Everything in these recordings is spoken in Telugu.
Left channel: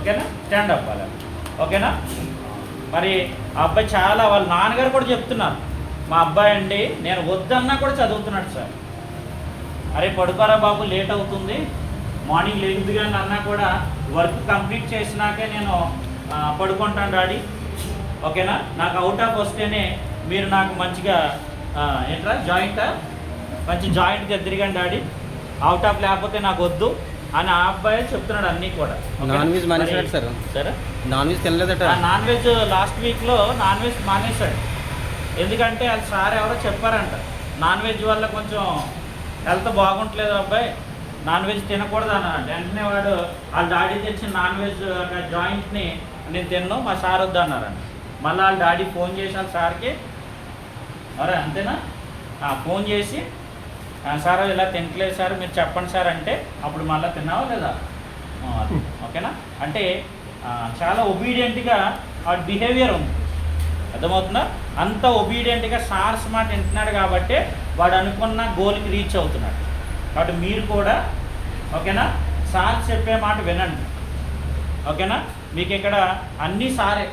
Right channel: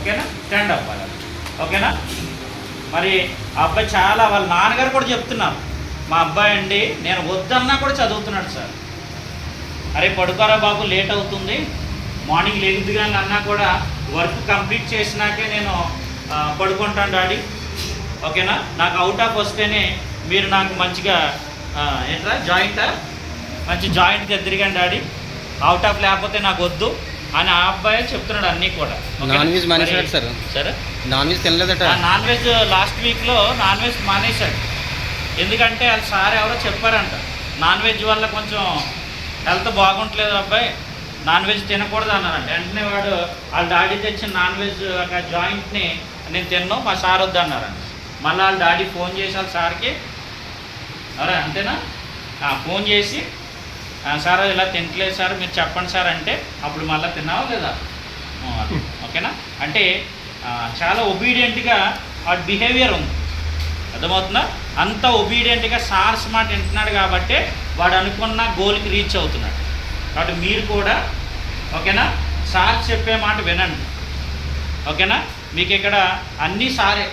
ఓకేనా? స్టాండ్ అప్ అలా. ఓకేనా? మరి ఆ అబ్బాయి చాలా వాళ్ళ నాన్నగారు కూడా చెప్తున్నారు. మా అబ్బాయి అండి నేను వద్దన్నా కూడా చదువుతున్నాడు సార్. అరే పడుకోరా బాబు లేట్ అవుతుంది. మార్నింగ్ లేగుద్ది కానీ అన్నా కూడా వర్క్ కంప్లీట్ చేసినాకే నేను పడుకుంటాను డాడీ. ఓకేనా? నాకు అవుట్ ఆఫ్ వస్తేనే మీరు నాకు మంచిగా ఆ, ఏంట్రా జాయింటా? మంచి జాయింట్ తెద్దరిగాను డాడీ. అవుట్ ఆఫ్ లేకపోతే నాకు వద్దు. అని ఆ అబ్బాయి చెప్తున్నాడు అన్నీ కూడా? నాన్ వెజ్ మానేశాడు సార్. సరే? నాన్ వెజ్ తినలేదట. నాన్ వెజ్ లాస్ట్ వీక్లో నాన్ వెజ్ మానేశాడు. ఎందుకంటే అది సార్ ఎవరో చెప్పారంట నాన్ వెజ్ వల్ల కొంచెం హెల్త్ బాగుంటలేదు అబ్బాయి నాన్ వెజ్ తినకూడదు అన్నారంట. వెంటనే వాడు వాళ్ళ డాడీ తెచ్చిన నాన్ వెజ్ జాయింట్ని నేను తిన్నాను మా సార్ వద్దు అన్నారంట. మళ్ళీ వాళ్ళ డాడీ ఫోన్ వాళ్ళ సార్కి అరే అంతేనా? ఫోన్ చేసి "ఆ, సార్ ఇలా తినట్లేదు సార్ మీరు చెప్పండి సార్ అంటే అప్పుడు మళ్ళీ తిన్నావా లేదా? ఓకేనా? అంటే చాలా ఒబీడియంట్గా ఆ బిహేవియర్ ఉంది. అర్థమవుతుందా? అంత ఒబీడియంట్గా సార్స్ మాట వింటున్నాడు కాబట్టి వాడు అనుకున్న గోల్కి రీచ్ అవుతున్నాడు. కాబట్టి మీరు కూడా ఓకేనా? సార్ చెప్పే మాట వినండి. ఓకేనా? మీకు ఇక్కడ అన్నీ సారే.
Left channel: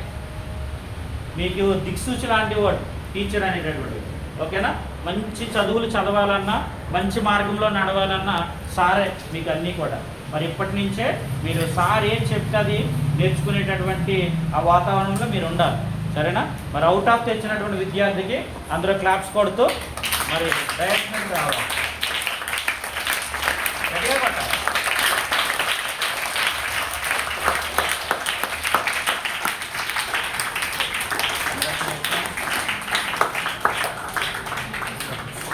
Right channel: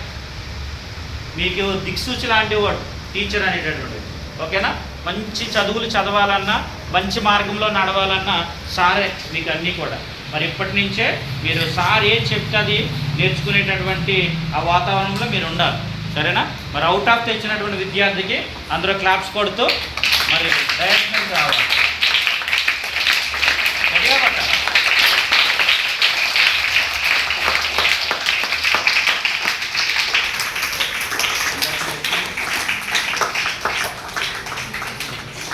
మీకు దిక్సూచి లాంటి వాడు టీచర్ అనేటటువంటి ఓకేనా? మంచి చదువులు చదవాలన్నా మంచి మార్గంలో నడవాలన్నా సారే మీకు అన్నీ కూడా. మరి ఇప్పటి నుంచే మీరు సార్ ఏం చెప్తుంది నేర్చుకునేటటువంటి ఆ వాతావరణంలో మీరు ఉండాలి. సరేనా? మరి అవుట్ ఆఫ్ తెచ్చినటువంటి విద్యార్థికి అందరూ క్లాప్స్ కొడుతూ మరి ప్రయత్నం రావాలి.